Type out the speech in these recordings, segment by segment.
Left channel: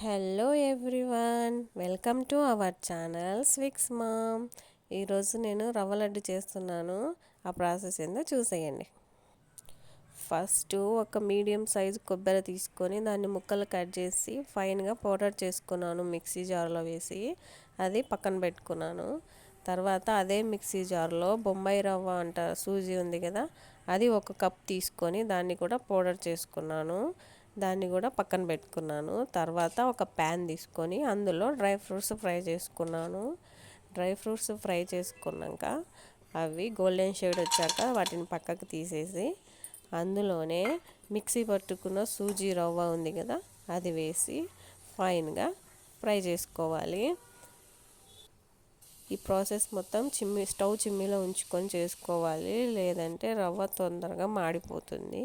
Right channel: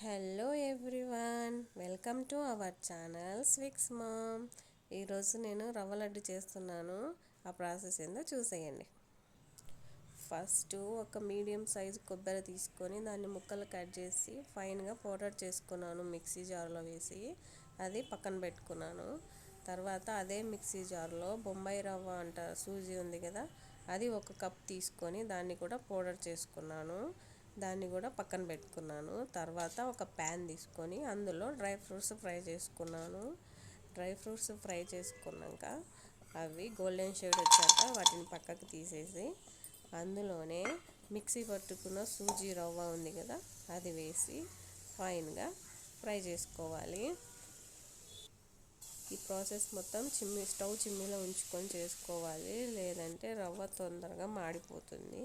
Hello everyone welcome to our channel Swix Mom. ఈరోజు నేను రవ్వ లడ్డు చేస్తున్నాను. ఆ ప్రాసెస్ ఏందో చూసేయండి. ఫస్ట్ ఒక మీడియం సైజు కొబ్బరి తీసుకొని దాన్ని ముక్కలు కట్ చేసి ఫైన్గా పౌడర్ చేసుకున్నాను మిక్సీ జార్లో వేసి. అది పక్కన పెట్టుకున్నాను. తర్వాత అదే మిక్సీ జార్లో బొంబాయి రవ్వ అంట సూజీ ఉంది కదా అది ఒక కప్ తీసుకొని దాన్ని కూడా పౌడర్ చేసుకున్నాను. దాన్ని కూడా పక్కన పెట్టుకున్నాను. తర్వాత ఒక ప్యాన్ తీసుకొని అందులో డ్రై ఫ్రూట్స్ ఫ్రై చేసుకున్నాను. డ్రై ఫ్రూట్స్ ఫ్రై చేసుకున్నాక అవి గోల్డెన్ షేడ్ వచ్చాక వాటిని పక్కకు తీసేసి అందులోనే మిక్సీ పట్టుకున్న సూజీ రవ్వ ఉంది కదా అది వేసి ఫైన్గా ఫ్రై చేసుకోవాలి. ఈ ప్రాసెస్ మొత్తం చిమ్మి స్టవ్ చిమ్మిలో ఉంచుకొని చేసుకోవాలి. లేదంటే రవ్వ తొందరగా మాడిపోతుంది.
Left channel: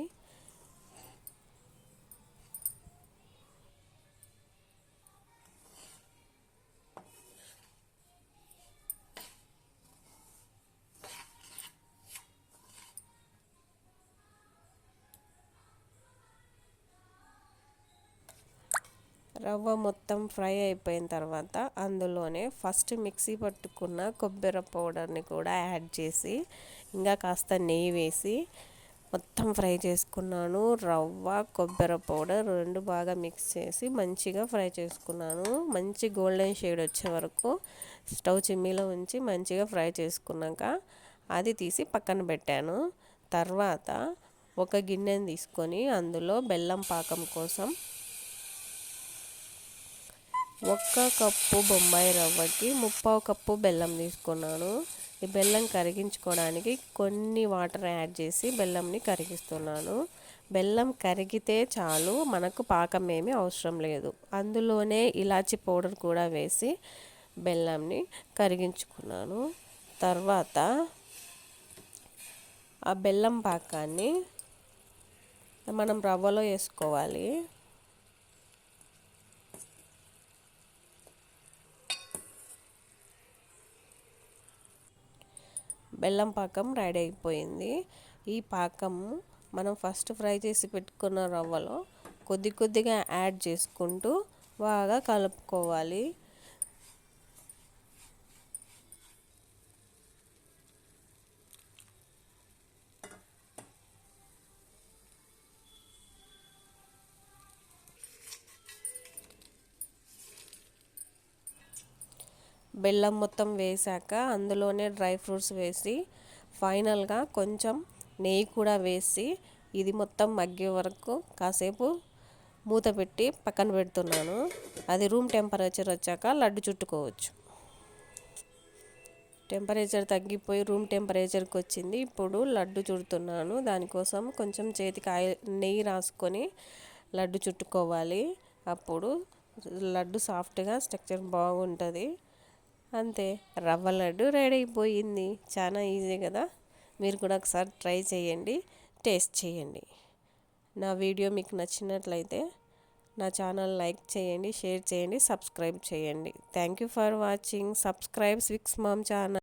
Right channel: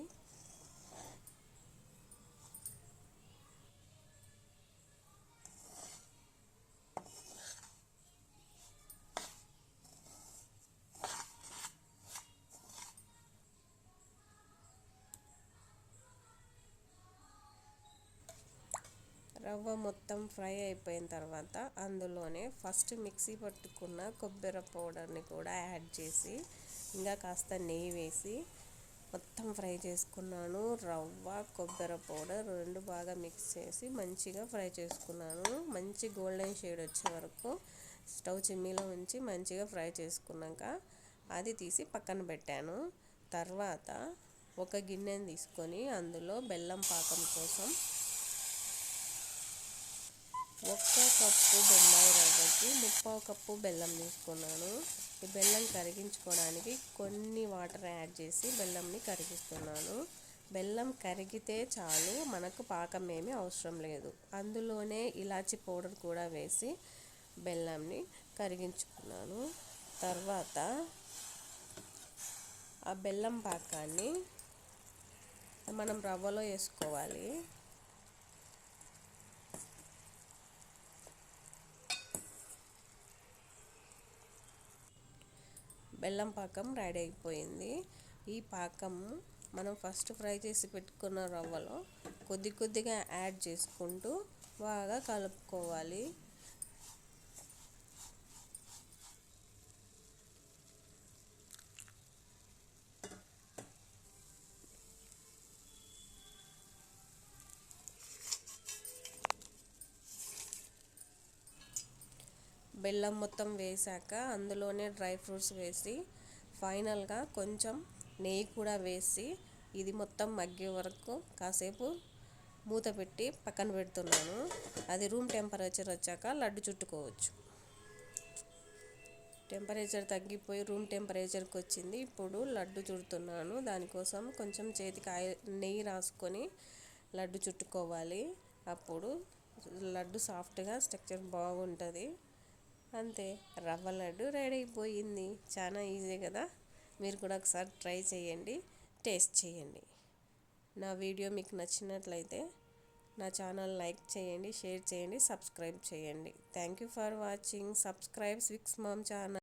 రవ్వ మొత్తం ఫ్రై అయిపోయిన తర్వాత అందులోనే ఫస్ట్ మిక్సీ పట్టుకున్న కొబ్బరి పౌడర్ని కూడా యాడ్ చేసి ఇంకా కాస్త నెయ్యి వేసి మొత్తం ఫ్రై చేసుకున్నాను. రవ్వ కొబ్బరి పౌడర్ రెండు బాగా మిక్స్ చేసి మంచిగా ఫ్రై చేసుకున్నాను. మంచి గోల్డెన్ షేడ్ వచ్చే వరకు స్టవ్ చిమ్మీలో ఉంచి మంచిగా ఫ్రై చేసుకున్నాక అది తీసి పక్కన పెట్టాను. తర్వాత ఒక గిన్నెని తీసుకొని అందులో బెల్లం పాకం కోసం ఒక్క కప్పు బొంబాయి రవ్వకి ముప్పావు కప్పు బెల్లం తీసుకున్నాను. ఈ బెల్లం కరిగించుకోవడానికి కొన్ని వాటర్ యాడ్ చేసి బెల్లంని కరిగిస్తున్నాను. బెల్లం కరిగితే చాలు మనకు పాకం ఏమీ అవసరం లేదు. అందులోనే ఇలాచి పౌడర్ కూడా వేసి బెల్లంని కరిగించుకున్నాను. తర్వాత ఆ బెల్లం పాకాన్ని మనం రవ్వలో వేసుకోవాలి. బెల్లం పాకం రెడీ అయిపోయింది. ఈ పాకం మనం ఫస్ట్ ఫ్రై చేసి పెట్టుకున్న రవ్వలో కొద్ది కొద్దిగా యాడ్ చేసుకుంటూ బాగా కలుపుకోవాలి. బెల్లం మొత్తం వేసాక అందులోనే డ్రై ఫ్రూట్స్ వేసి ఫైనల్గా కొంచెం నెయ్యి కూడా వేసి ఇది మొత్తం మగ్గే వరకు కాసేపు మూత పెట్టి పక్కన పెడుతున్నాను. అది రూమ్ టెంపరేచర్ వచ్చాక లడ్డు చుట్టుకోవచ్చు. టెంపరేచర్ తగ్గిపోయి రూమ్ టెంపరేచర్కి వచ్చింది. ఇప్పుడు లడ్డు చుడుతున్నాను. దానికోసం కొంచెం చేతికి ఆయిల్ నెయ్యి రాసుకొని లడ్డు చుట్టుకోవాలి. అప్పుడు లడ్డు సాఫ్ట్గా స్ట్రక్చర్ బాగుంటుంది. అంతే. రవ్వ లడ్డు రెడీ అయిపోయింది. చాలా ఈజీ కదా? మీరు కూడా ఒకసారి ట్రై చేయండి. టేస్ట్ చేయండి. నా వీడియో మీకు నచ్చినట్లయితే నా ఛానల్ లైక్ చేయండి షేర్ చేయండి సబ్స్క్రైబ్ చేయండి. Thank you for watching subscribe Swix Mom channel